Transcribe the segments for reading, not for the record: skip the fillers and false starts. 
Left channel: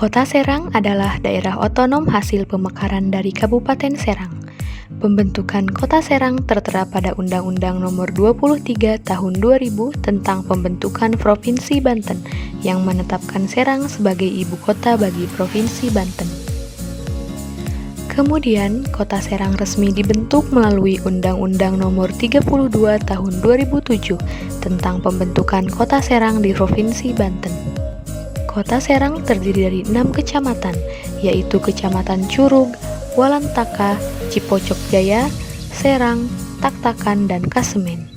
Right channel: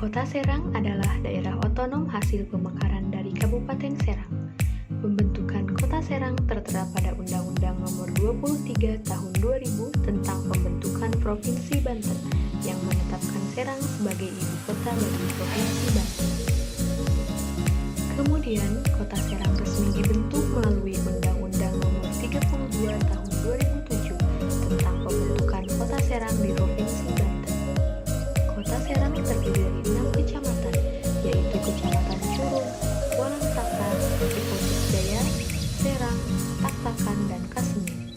Kota Serang adalah daerah otonom hasil pemekaran dari Kabupaten Serang. Pembentukan Kota Serang tertera pada Undang-Undang Nomor 23 Tahun 2000 tentang Pembentukan Provinsi Banten yang menetapkan Serang sebagai ibu kota bagi Provinsi Banten. Kemudian, Kota Serang resmi dibentuk melalui Undang-Undang Nomor 32 Tahun 2007 tentang Pembentukan Kota Serang di Provinsi Banten. Kota Serang terdiri dari 6 kecamatan, yaitu Kecamatan Curug, Walantaka, Cipocok Jaya, Serang, Taktakan, dan Kasemen.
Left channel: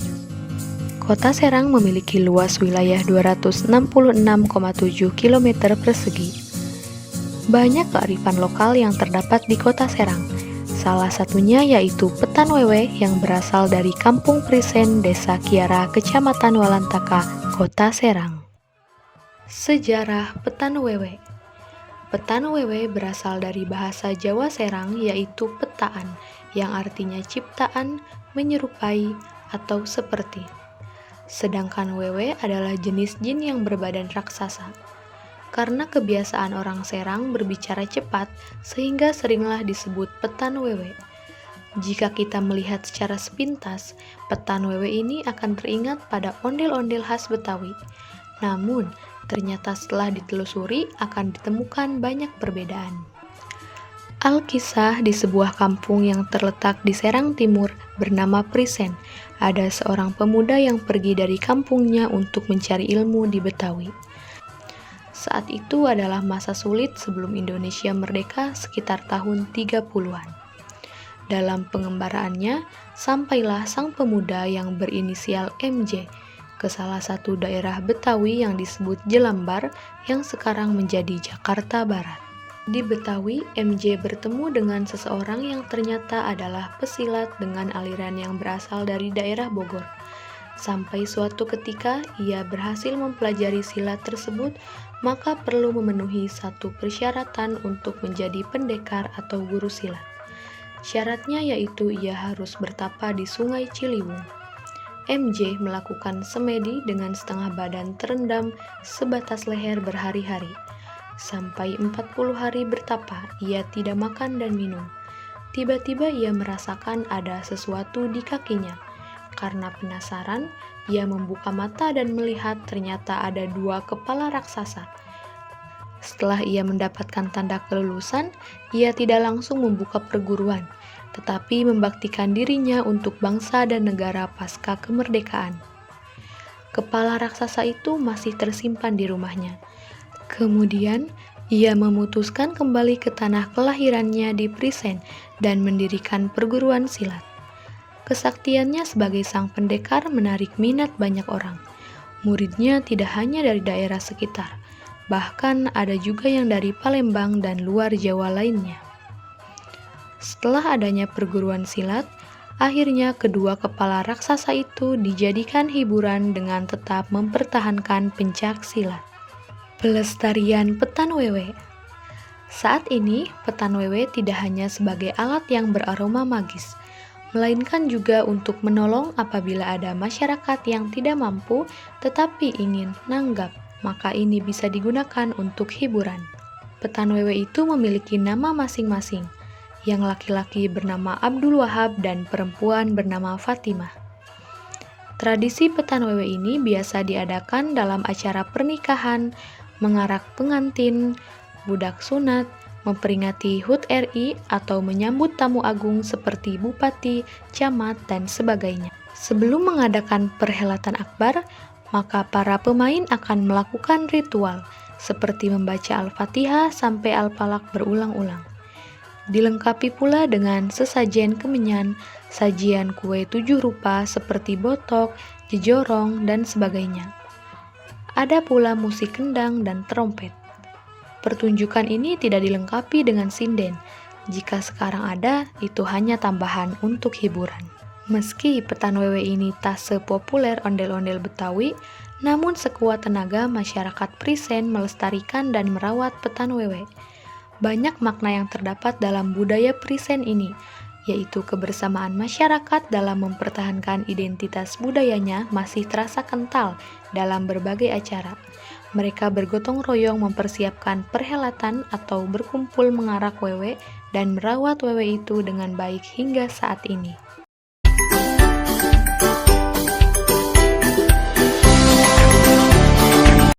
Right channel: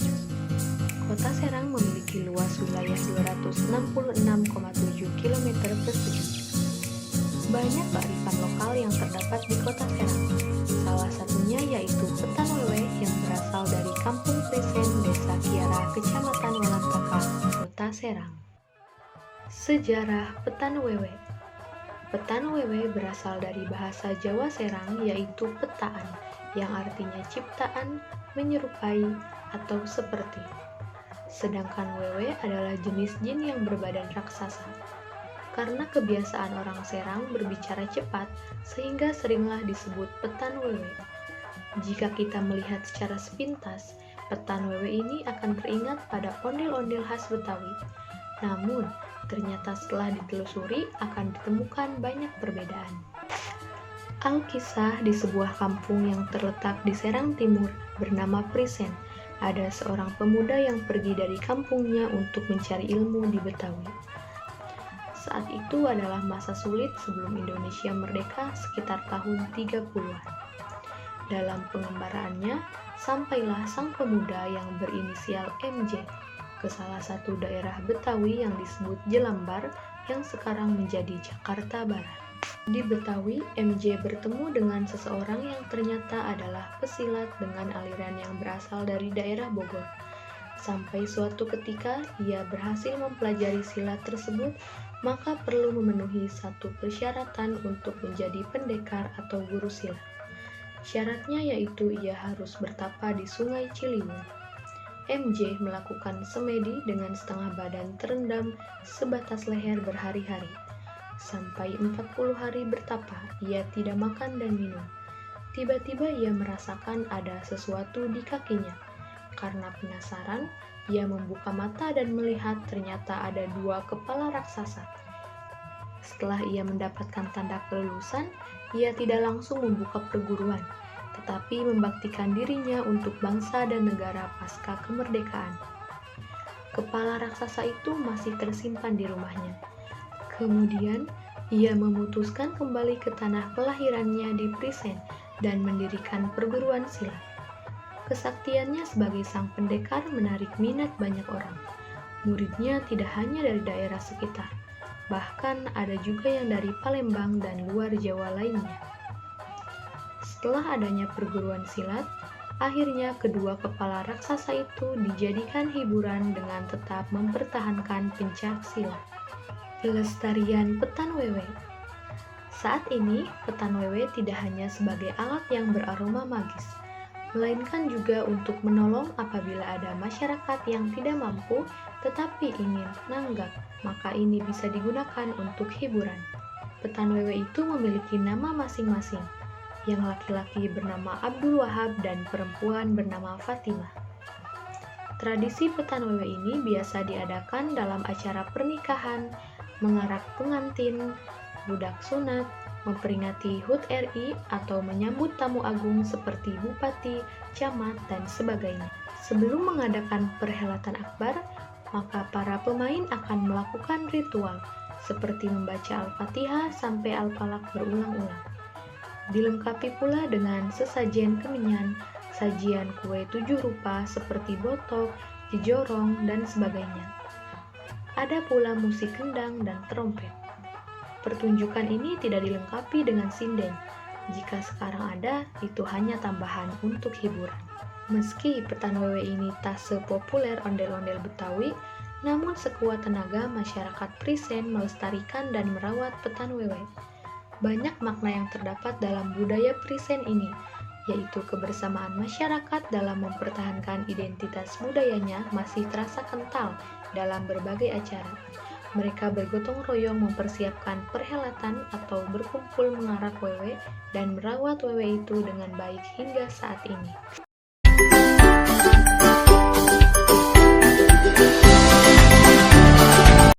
Kota Serang memiliki luas wilayah 266,7 km persegi. Banyak kearifan lokal yang terdapat di Kota Serang. Salah satunya yaitu Petan Wewe yang berasal dari Kampung Prisen, Desa Kiara, Kecamatan Walantaka, Kota Serang. Sejarah Petan Wewe. Petan Wewe berasal dari bahasa Jawa Serang yaitu petaan, yang artinya ciptaan, menyerupai, atau seperti. Sedangkan Wewe adalah jenis jin yang berbadan raksasa. Karena kebiasaan orang Serang berbicara cepat, sehingga seringlah disebut Petan Wewe. Jika kita melihat secara sepintas, Petan Wewe ini akan teringat pada ondel-ondel khas Betawi. Namun, ternyata setelah ditelusuri akan ditemukan banyak perbedaan. Alkisah di sebuah kampung yang terletak di Serang Timur bernama Prisen. Ada seorang pemuda yang pergi dari kampungnya untuk mencari ilmu di Betawi. Saat itu adalah masa sulit sebelum Indonesia merdeka sekitar tahun 30-an. Dalam pengembaraannya, sampailah sang pemuda yang berinisial MJ ke salah satu daerah Betawi yang disebut Jelambar yang sekarang menjadi Jakarta Barat. Di Betawi, MJ bertemu dengan seseorang yang ternyata adalah pesilat dengan aliran yang berasal dari daerah Bogor. Sampai suatu ketika ia berhasil mempelajari silat tersebut, maka perlu memenuhi satu persyaratan untuk menjadi pendekar atau guru silat. Syaratnya yaitu ia harus bertapa di Sungai Ciliwung. MJ melakukan semedi dengan setengah badan terendam sebatas leher berhari-hari. Sampai 40 hari bertapa, ia tidak makan dan minum. Tiba-tiba ia merasakan ada sesuatu di kakinya. Karena penasaran, ia membuka mata dan melihat ternyata ada 2 kepala raksasa. Setelah ia mendapatkan tanda kelulusan, ia tidak langsung membuka perguruan, tetapi membaktikan dirinya untuk bangsa dan negara pasca kemerdekaan. Kepala raksasa itu masih tersimpan di rumahnya. Kemudian, ia memutuskan kembali ke tanah kelahirannya di Prisen dan mendirikan perguruan silat. Kesaktiannya sebagai sang pendekar menarik minat banyak orang. Muridnya tidak hanya dari daerah sekitar, bahkan ada juga yang dari Palembang dan luar Jawa lainnya. Setelah adanya perguruan silat, akhirnya kedua kepala raksasa itu dijadikan hiburan dengan tetap mempertahankan pencak silat. Pelestarian Petan Wewe. Saat ini, Petan Wewe tidak hanya sebagai alat yang beraroma magis, melainkan juga untuk menolong apabila ada masyarakat yang tidak mampu tetapi ingin nanggap, maka ini bisa digunakan untuk hiburan. Petan Wewe itu memiliki nama masing-masing, yang laki-laki bernama Abdul Wahab dan perempuan bernama Fatimah. Tradisi Petan Wewe ini biasa diadakan dalam acara pernikahan, mengarak pengantin, budak sunat, memperingati HUT RI, atau menyambut tamu agung seperti bupati, camat, dan sebagainya. Sebelum mengadakan perhelatan akbar, maka para pemain akan melakukan ritual, seperti membaca Al-Fatihah sampai Al-Falaq berulang-ulang. Dilengkapi pula dengan sesajen kemenyan, sajian kue 7 rupa seperti botok, jejorong, dan sebagainya. Ada pula musik kendang dan trompet. Pertunjukan ini tidak dilengkapi dengan sinden. Jika sekarang ada, itu hanya tambahan untuk hiburan. Meski Petan Wewe ini tak sepopuler ondel-ondel Betawi, namun sekuat tenaga masyarakat Prisen melestarikan dan merawat Petan Wewe. Banyak makna yang terdapat dalam budaya Prisen ini, yaitu kebersamaan masyarakat dalam mempertahankan identitas budayanya masih terasa kental dalam berbagai acara. Mereka bergotong royong mempersiapkan perhelatan atau berkumpul mengarak wewe dan merawat wewe itu dengan baik hingga saat ini.